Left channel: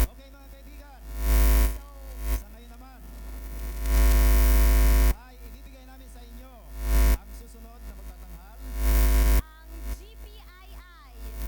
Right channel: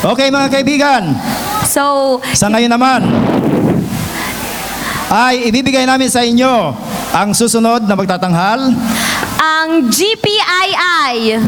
Okay mga kaibigan, So, sa ngayon naman ay ibibigay namin sa inyo ang susunod na magtatanghal. ang GPII.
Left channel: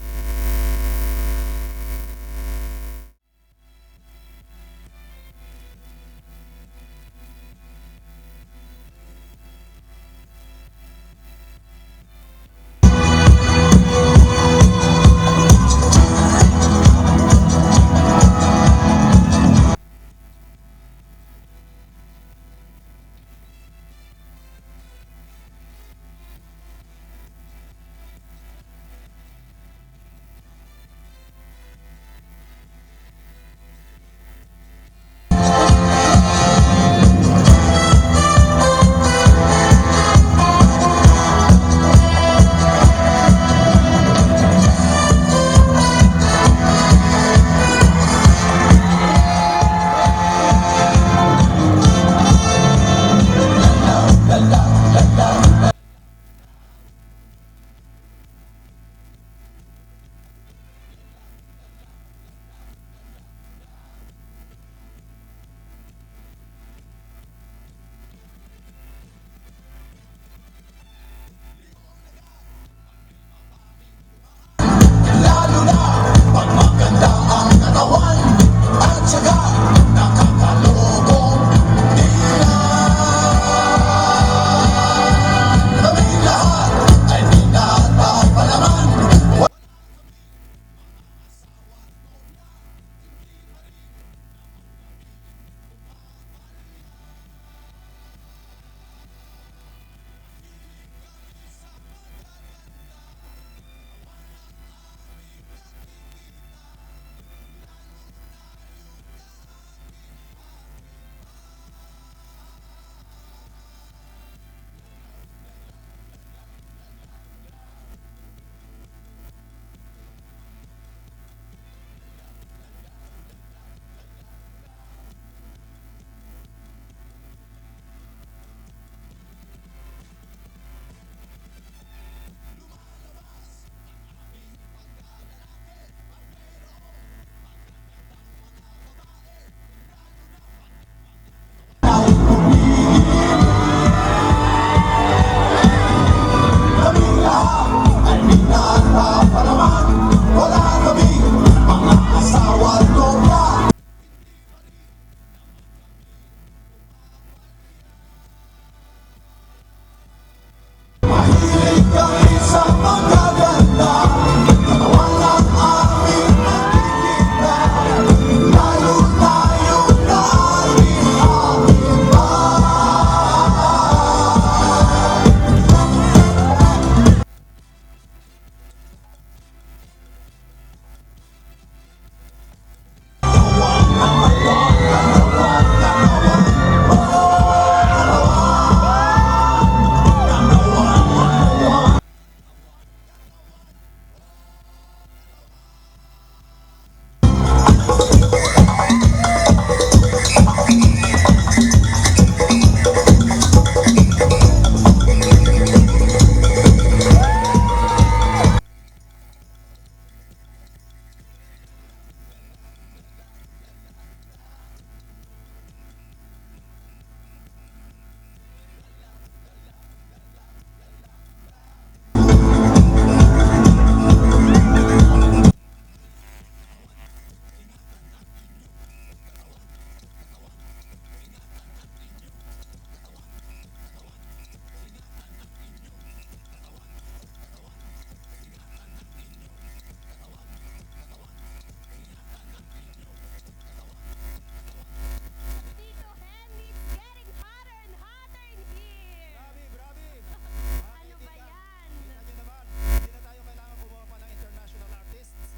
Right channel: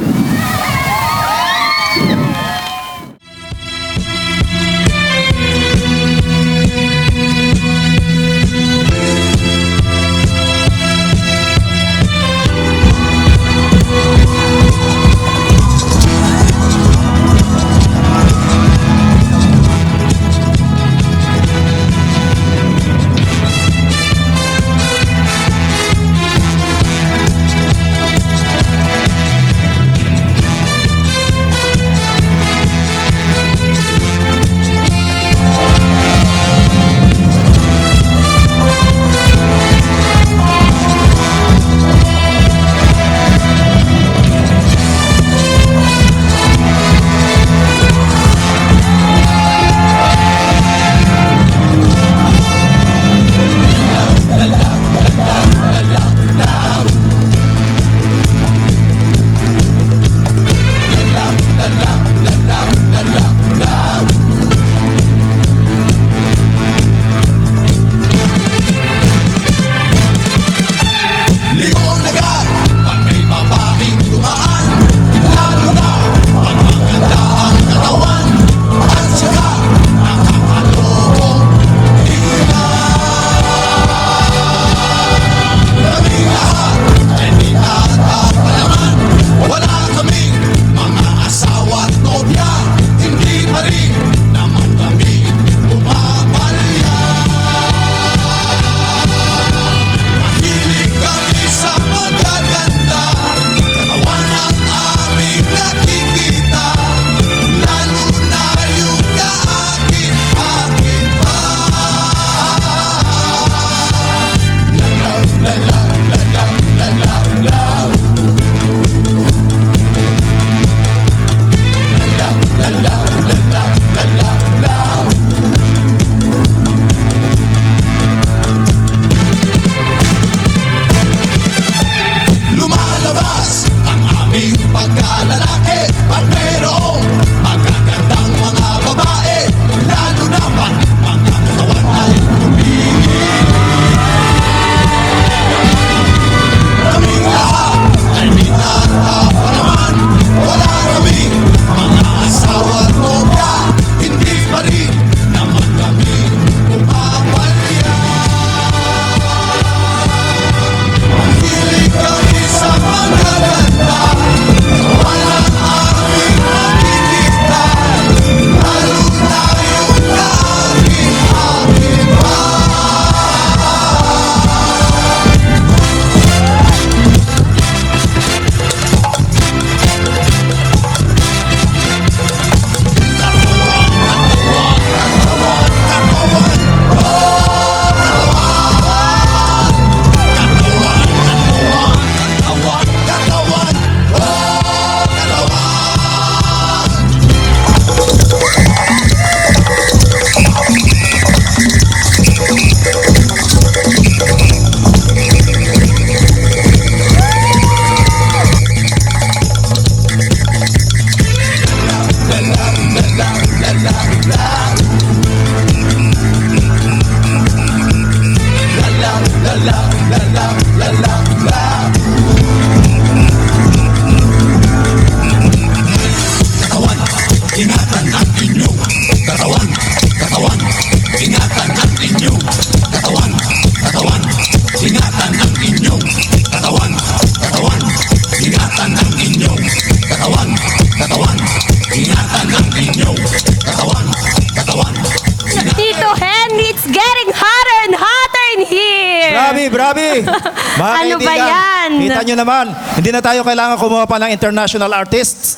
Tito Henry, it's getting hotter and hotter in here. Grabe! Mga Ano ba kaibigan, yan? kita nyo naman, hindi na tayo kailangan kumuha pa ng international artists.